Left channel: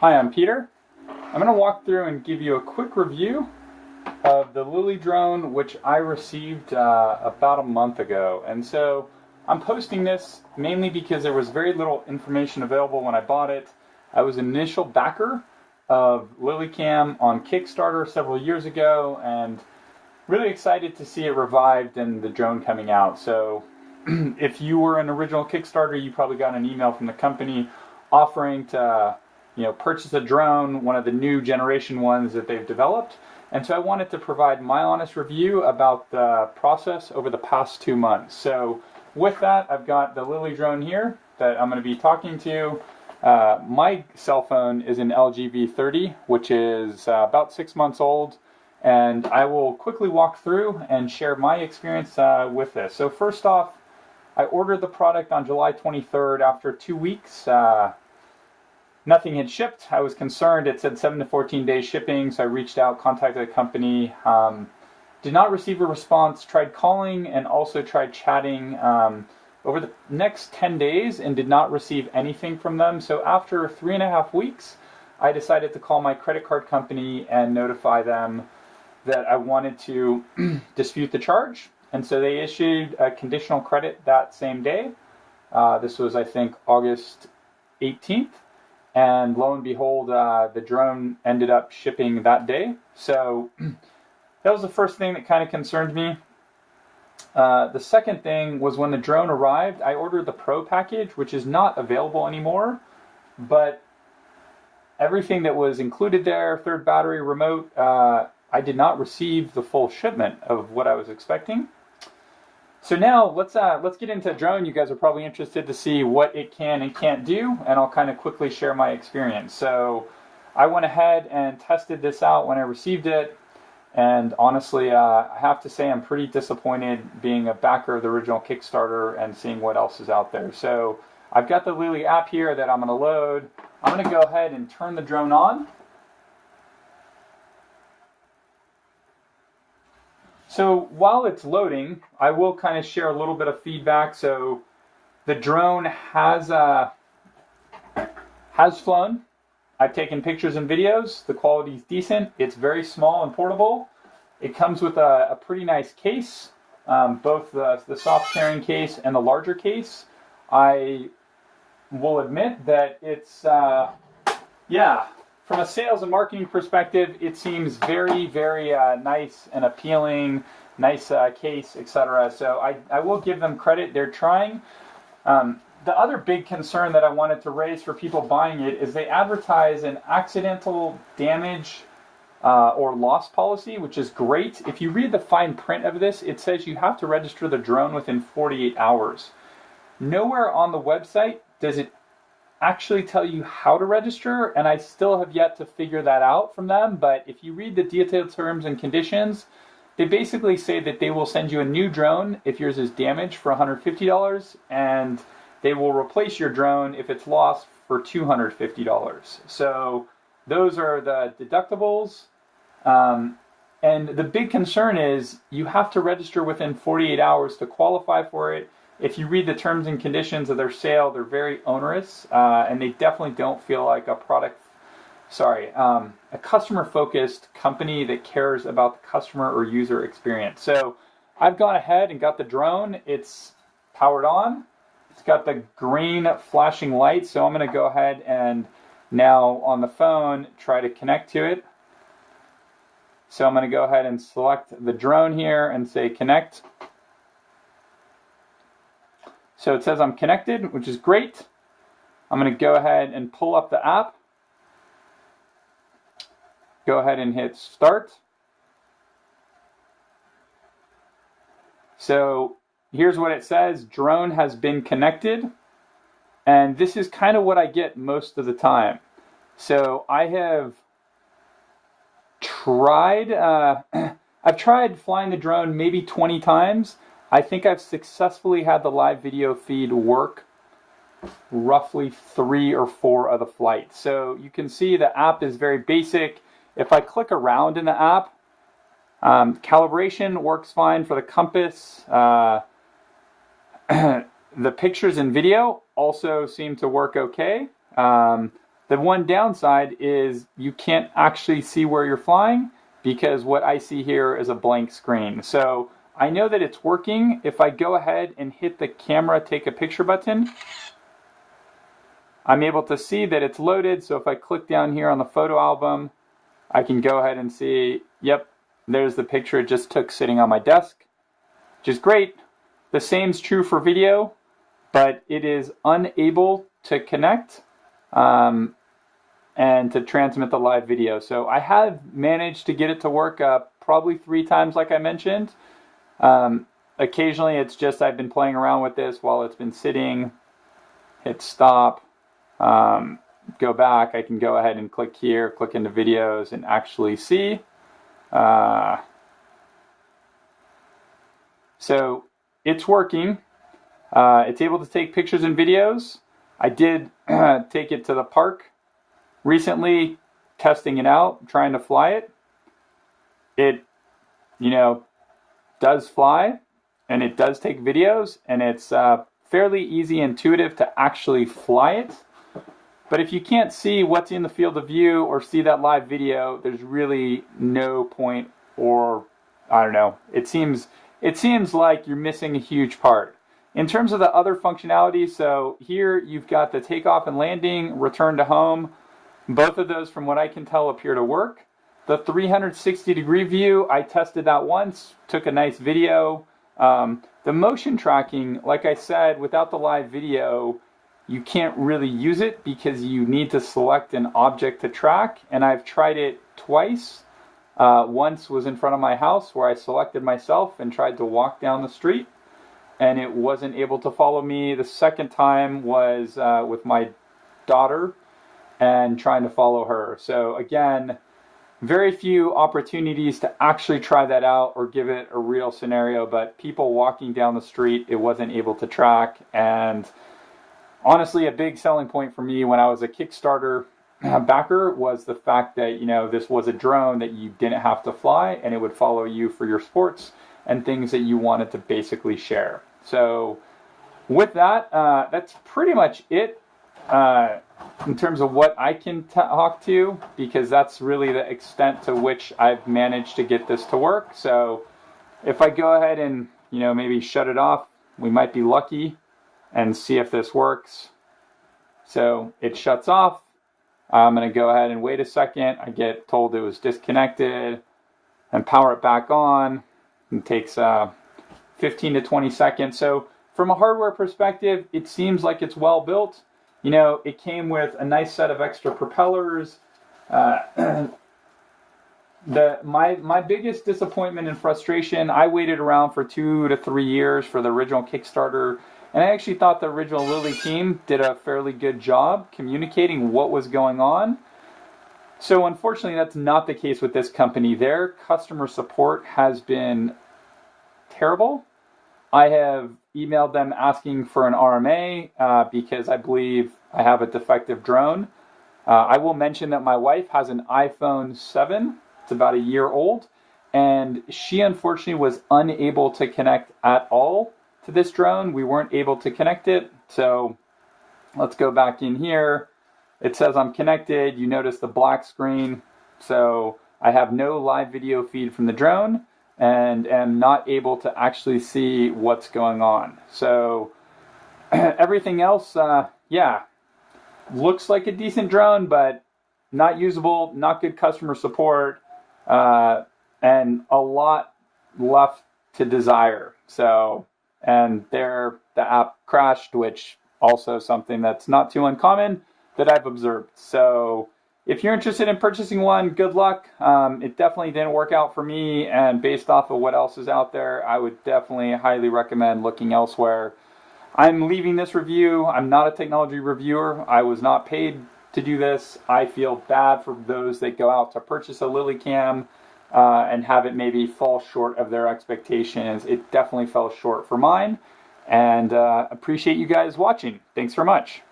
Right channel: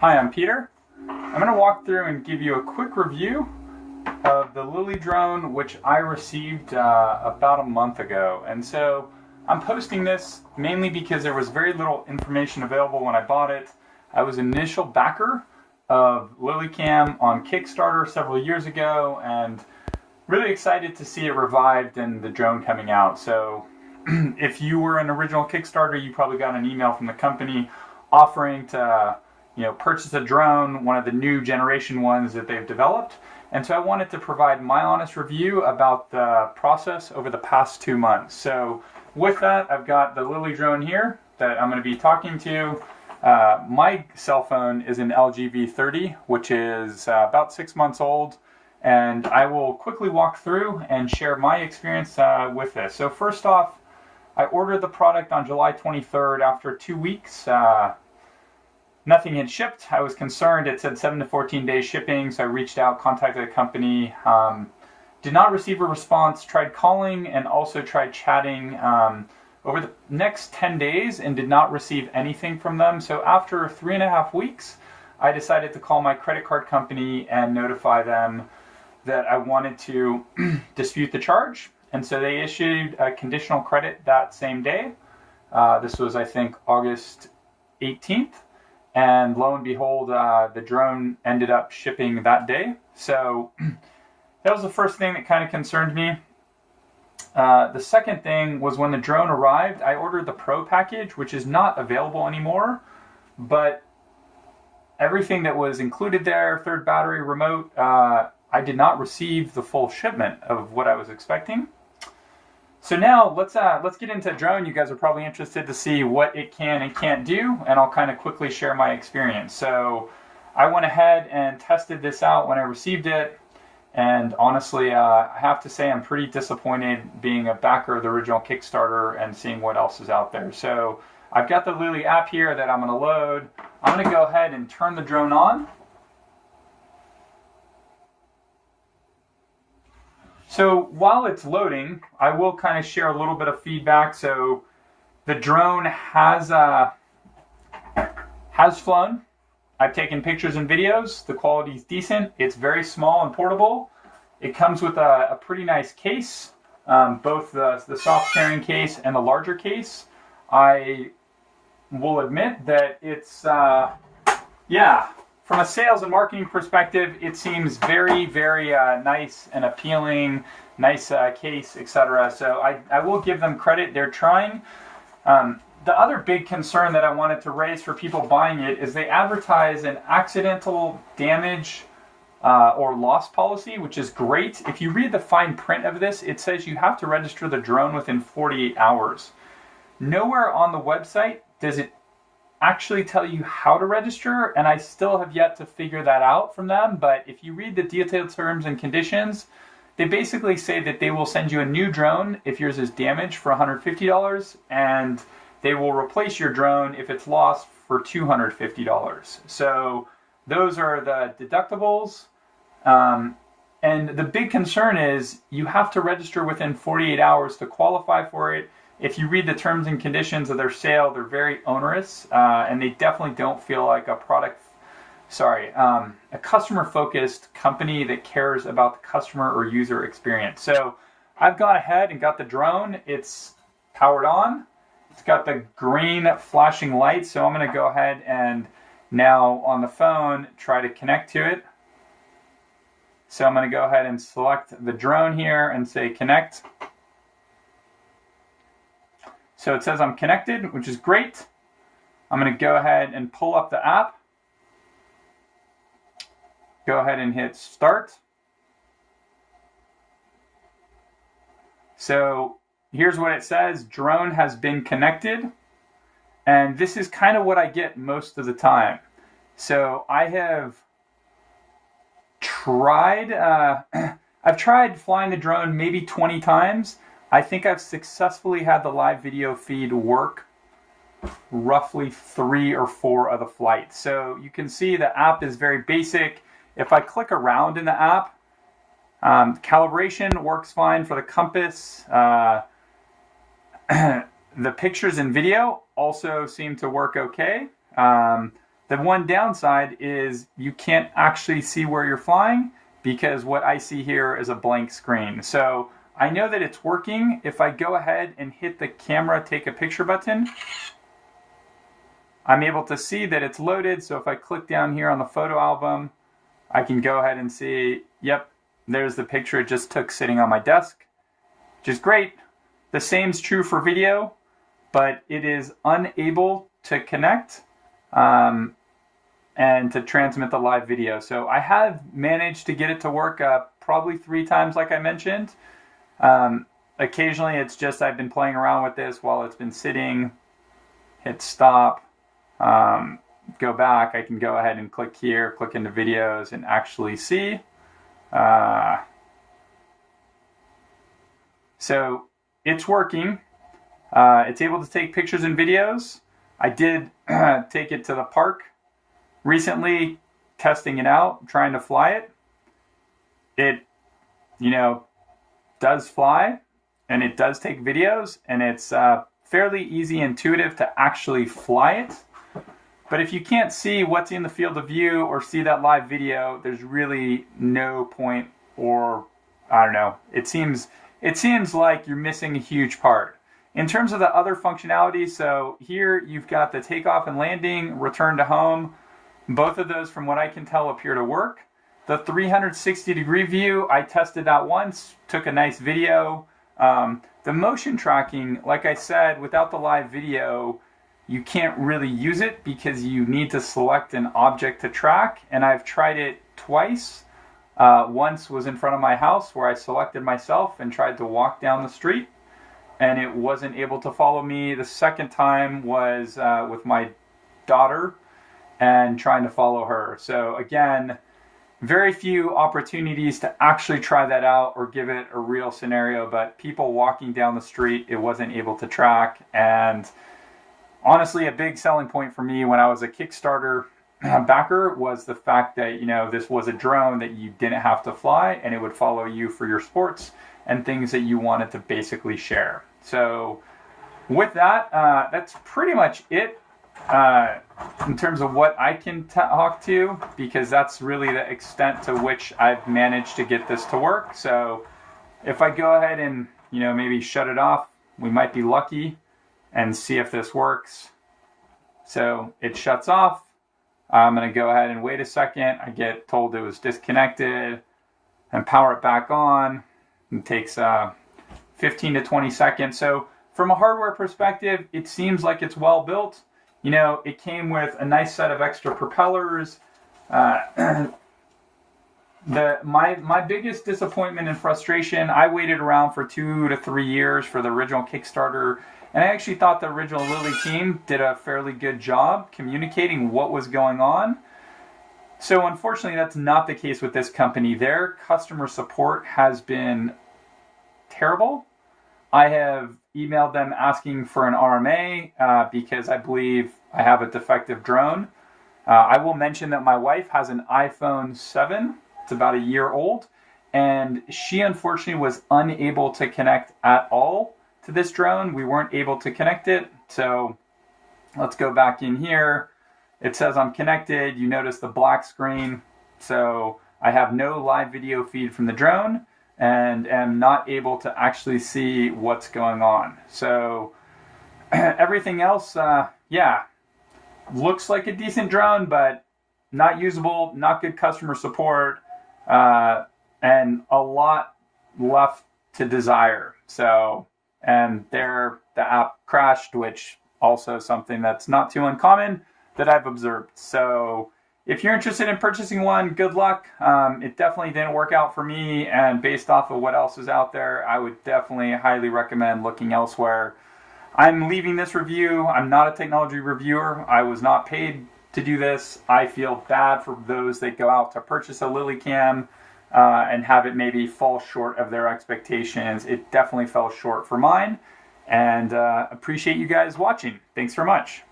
Hi, I'm Peter. I'm going to walk through and give you a quick review of the Lily drone, which I received about a month ago. And so I'm posting this mainly because there was very little information available when I bought it. I was an initial backer of LilyCam on Kickstarter several years ago and really excited to see it revived and the drone coming out. So if you were an original Kickstarter, you probably got an email from the company offering to purchase a drone, one of the new generation ones that they've developed. And so I wanted to provide my honest review about the process over the past 2 months. So with that, I've got the Lily drone here that I'm going to be talking to. My cell phone is an LG V30, which is about 6 months old. And I will quickly walk through and share my experience with this. So first off, I ordered the product on July 23rd. After 2 weeks, nothing had shipped. I was concerned. It said 7 to 14 days shipping, so I reached out, contacted the company. Did not receive a response. Tried calling and also tried chatting over the next 10 days and did not receive anything from them. So after 3.5 weeks, I decided to call my credit card company and notify them that I wanted to dispute the charge. And so they issued a conditional credit that same day. This was, I think, August 18th. And lo and behold, the drone ended up shipping that day. So that was the first thing that kind of concerned me. The second thing was when the drone arrived, I ordered the Pro package, which is not available anymore. But everything that was included there, third battery, remote, I did not receive the full shipment of what I was expecting. So now let's get into the drone. You guys are probably interested to see what it can and can't do, and I'll kind of quickly share my experience. So I went ahead and tested this out when I received it, and honestly, I have to say I'm pretty disappointed being a backer of the original Kickstarter and seeing what else is out there. So I've got the Lily app here that I'm going to load. I'm going to go ahead and turn the drone on. So while it's loading, I will kind of share a little bit of feedback. So the drone has flown. I've taken pictures and videos. The quality is decent. It's very small and portable. It comes with a pretty nice case, both the soft carrying case and the larger case. I will admit that it's, from a sales and marketing perspective, it seems very, very nice and appealing, nice case, etc. So I will give them credit. They're trying. The other big concern that I wanted to raise for people buying it is they advertise an accidental damage or loss policy, which is great. If you read the fine print of this, it says you have to register the drone within 48 hours. Nowhere on the website does it actually tell you how to register, and I still have yet to figure that out from them. But if you read the detailed terms and conditions, they basically say that they will send you a new drone if yours is damaged for $150, and they will replace your drone if it's lost for $250. So those are the deductibles. And the big concern is you have to register within 48 hours to qualify for it. If you read the terms and conditions of their sale, they're very onerous, and they definitely don't feel like a customer-focused company that cares about the customer or user experience. So I've gone ahead and got the drone. It's powered on. It's got the green flashing light, so I'm going to go ahead and now on the phone try to connect to it. So I'm going to go ahead and select the drone here and say connect. So it says I'm connected, which is great. I'm going to go ahead and pull up the app. Go ahead and hit start. So here's what it says. Drone has been connected. And this is kind of what I get most of the time. So I have tried, I've tried flying the drone maybe 20 times. I think I've successfully had the live video feed work roughly 3 or 4 of the flights. So you can see the app is very basic. If I click around in the app, calibration works fine for the compass. The pictures and video also seem to work okay. The one downside is you can't actually see where you're flying because what I see here is a blank screen. So I know that it's working. If I go ahead and hit the camera take a picture button, I'm able to see that it's loaded. So if I click down here on the photo album, I can go ahead and see, yep, there's the picture it just took sitting on my desk, which is great. The same's true for video, but it is unable to connect and to transmit the live video. So I have managed to get it to work probably 3 times, like I mentioned. Occasionally it's just I've been playing around with this while it's been sitting, hit stop, go back. I can go ahead and click here, click into videos and actually see. So it's working. It's able to take pictures and videos. I did take it to the park recently, testing it out, trying to fly it. It, does fly and it does take videos, and it's fairly easy, intuitive to actually fly it. But if you can't see what's in the field of view or see that live video, there's really no point, or I don't know. It seems like you're missing a huge part. In terms of the other functionality, so here you've got the takeoff and landing, return to home. Both of those, from what I can tell, appear to work. The 360-degree view, I tested that once, took a nice video. The motion tracking, like I said, without the live video, you can't really use it because you need to select an object to track. And I've tried it twice. Once was in front of my house where I selected myself and tried to walk down the street, and it wasn't able to follow me. The second time was with my daughter and trying to follow her. So again, very few opportunities to actually try that out or give it a real scenario, but people walking down the street, it wasn't able to track. And honestly, a big selling point for me when I was a Kickstarter backer was the fact that, this was a drone that you didn't have to fly, and it would follow you for your sports and things that you wanted to basically share. So with that, that's pretty much it in terms of what I can talk to, because that's really the extent to which I've managed to get this to work. So if I go ahead and, maybe shut it off, we might be lucky, and see if this works. So it shuts off. I'm going to go ahead and wait a second. I get told it was disconnected and power it back on. It takes 15 to 20 seconds. So from a hardware perspective, it seems like it's well built. It came with a nice set of extra propellers. My biggest disappointment and frustration, I waited around for 2 to 3 years for the original Kickstarter, and I actually thought the original Lily team did a fairly good job communicating what was going on. So unfortunately, that's not the case with this company. Their customer support has been terrible. I have emailed them asking for an RMA because I believe I have a defective drone. I will mention that my wife has an iPhone 7. It's about a year old, and she unfortunately was unable to connect at all to this drone. We weren't able to connect it. So let's go back in here. It says I'm connected. You notice the black screen. So I have no live video feed from the drone and am not able to actually see what's going on. So everything else, looks like a decent drone, but not usable, not good customer support, and a lot left to desire. So, and there the app crashed, which also something that's not too uncommon that I've observed. So if you're interested in purchasing one, good luck. It definitely didn't work out for me, and based off of what else is out there, I would definitely highly recommend looking elsewhere. I'm leaving this review. I'm not a technology reviewer. I was not paid to do this. I feel bad for those that go out to purchase a LilyCam and have it maybe fall short of their expectations. It definitely fell short for mine, and appreciate you guys watching. Thanks very much.